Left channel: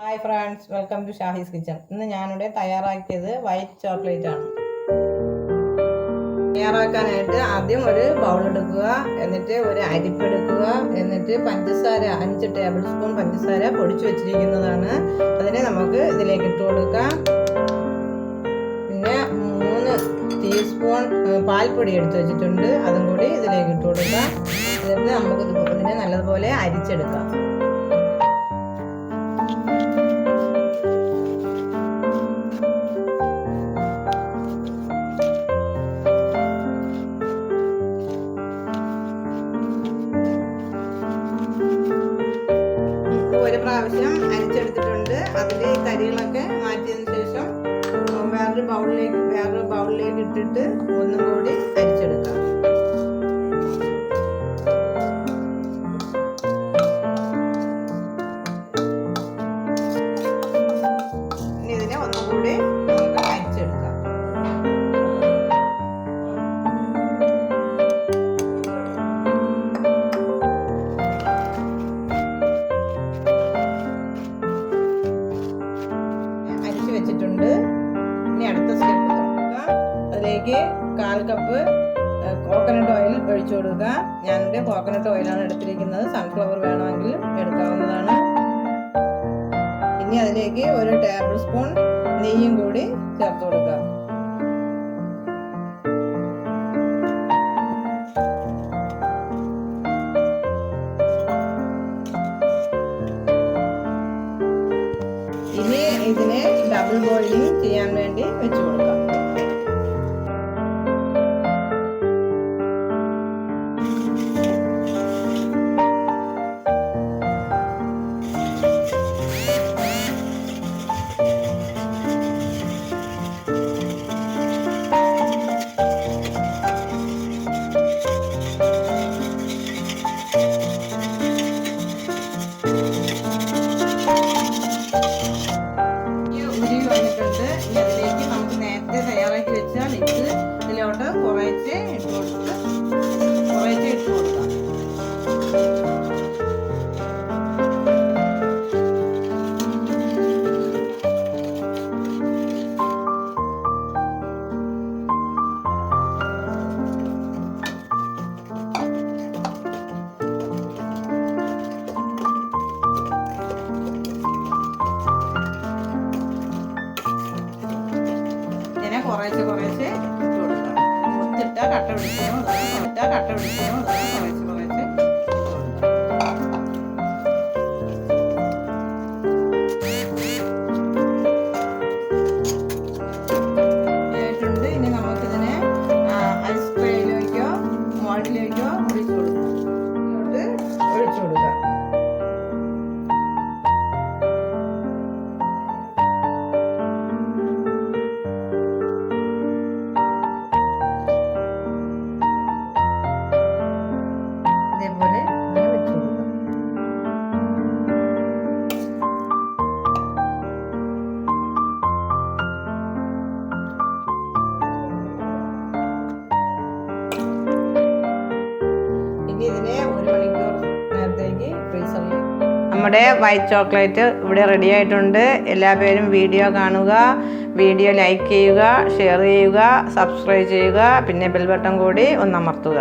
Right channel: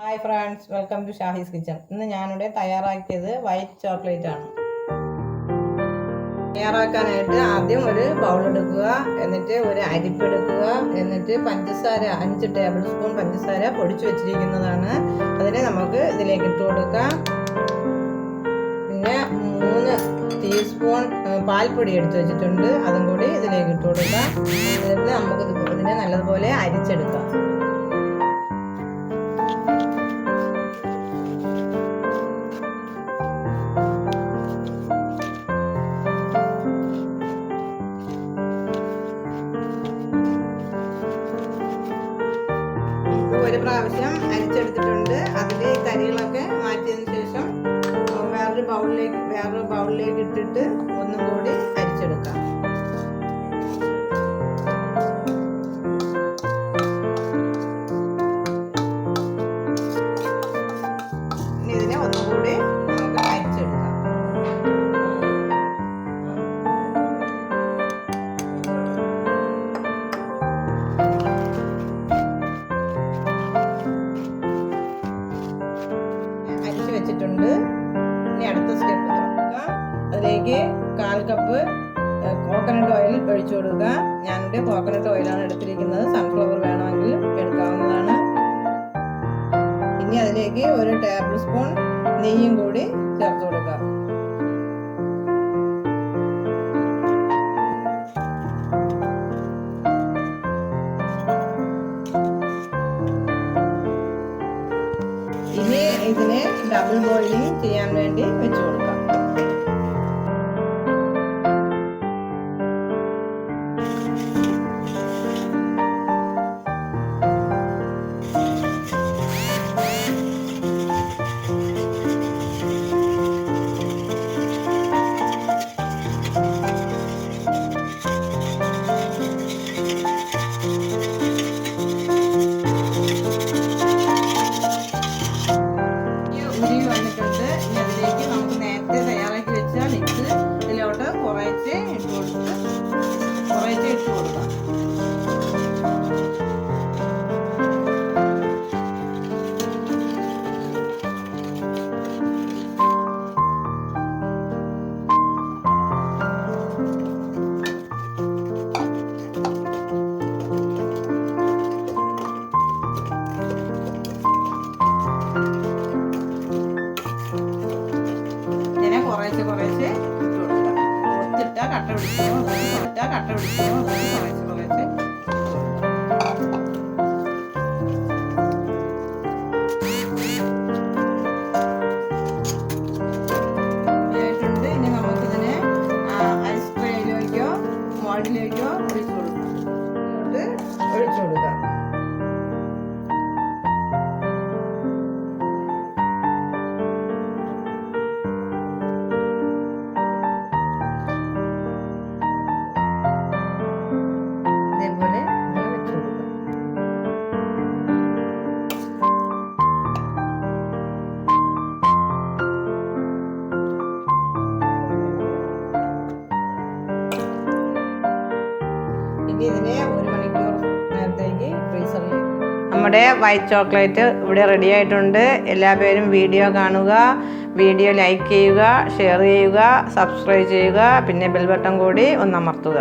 Hi friends, welcome to Shahi's kitchen. ഇന്ന് ഞാനിവിടെ തയ്യാറാക്കിയത് വൈറ്റ് ചോക്ലേറ്റ് ആണ്. തയ്യാറാക്കാനായിട്ട് ആദ്യം ഒരു ബൗൾ എടുക്കുക, എന്നിട്ട് ഒരു അരിപ്പ് എടുക്കുക, എന്നിട്ട് പഞ്ചസാര 5 ടേബിൾ സ്പൂൺ പഞ്ചസാര പൊടിച്ചു വെച്ചിരിക്കുന്നതാണ്. അതിനെ നമുക്ക് ഇതിലേക്ക് ഇട്ട് കൊടുക്കാം. പിന്നെ 3 ടീസ്പൂൺ പാൽപ്പൊടി എടുത്ത് വെച്ചിട്ടുണ്ട്, അതും കൂടി ഇതിലേക്ക് ഇട്ട് കൊടുക്കാം. എന്നിട്ട് നമുക്ക് ഇതിനെ നല്ലതുപോലെ അരിച്ചെടുക്കാം. ഒരു പ്രാവശ്യം അരിച്ചെടുത്തിട്ടുണ്ട്. അതിൽ തരികളൊക്കെ മാറ്റിയതിന് ശേഷം വേറൊരു ബൗളിലേക്ക് ഇട്ടിട്ട് ഒന്നും കൂടി അരിച്ചെടുക്കാം. ഇനി ഇതിനെ ഒന്നും കൂടി നമുക്ക് അരിച്ചെടുക്കാം. വെച്ചിട്ടുണ്ട്. ഇനി അടുത്ത സ്റ്റെപ്പ് തുറക്കുക. അതിലേക്ക് 1/4 കപ്പ് കോക്കനട്ട് ഓയിൽ ഒഴിച്ചു കൊടുക്കുക. ഞാനിവിടെ കോക്കനട്ട് ഓയിലാണ് എടുത്തിരിക്കുന്നത്. സൺഫ്ലവർ വേണമെങ്കിൽ എടുക്കാവുന്നതാണ്. ഇനി അതിലേക്ക് 1 ടേബിൾ സ്പൂൺ നെയ്യും കൂടി ചേർത്ത് കൊടുക്കുക. ഇനി ഇതിനെ ഡബിൾ ബോയിലിംഗ് ചെയ്യാൻ വേണ്ടി വെച്ച് കൊടുക്കാം. ഉരുകി വന്നിട്ടുണ്ട്. ഇനി അതിലേക്ക് നമുക്ക് നേരത്തെ തയ്യാറാക്കി വെച്ച മിക്സ് ഇതിലോട്ട് കുറേശ്ശെ ഇട്ട് കൊടുക്കാം. കുറേശ്ശെ ഇട്ട് കൊടുക്കുക. ഒത്തിട്ട കട്ട പിടിക്കുമോ കുറേശ്ശെ ഇട്ട് കൊടുക്കുക. ഇനി നമുക്കിതിനെ ഐസ് ട്രേയിലേക്കോ മോൾഡിലേക്കോ ഒഴിച്ചു കൊടുക്കാം. ഇതേപോലെ ഇങ്ങനെ വെച്ച് കൊടുക്കാം. ഇനി ഇതിനെ 1 മണിക്കൂർ നേരത്തേക്ക് ഫ്രീസറിലേക്ക്. നമ്മുടെ വൈറ്റ് ചോക്ലേറ്റ് ഇവിടെ റെഡി ആയിട്ടുണ്ട്. എല്ലാവരും വീഡിയോ കാണുക, വീഡിയോ ലൈക്ക് ചെയ്യുക, ഷെയർ ചെയ്യുക, സബ്സ്ക്രൈബ് ചെയ്യുക, പിന്നെ ബെൽ ബട്ടൺ കൂടി ഒന്ന് അമർത്തുക.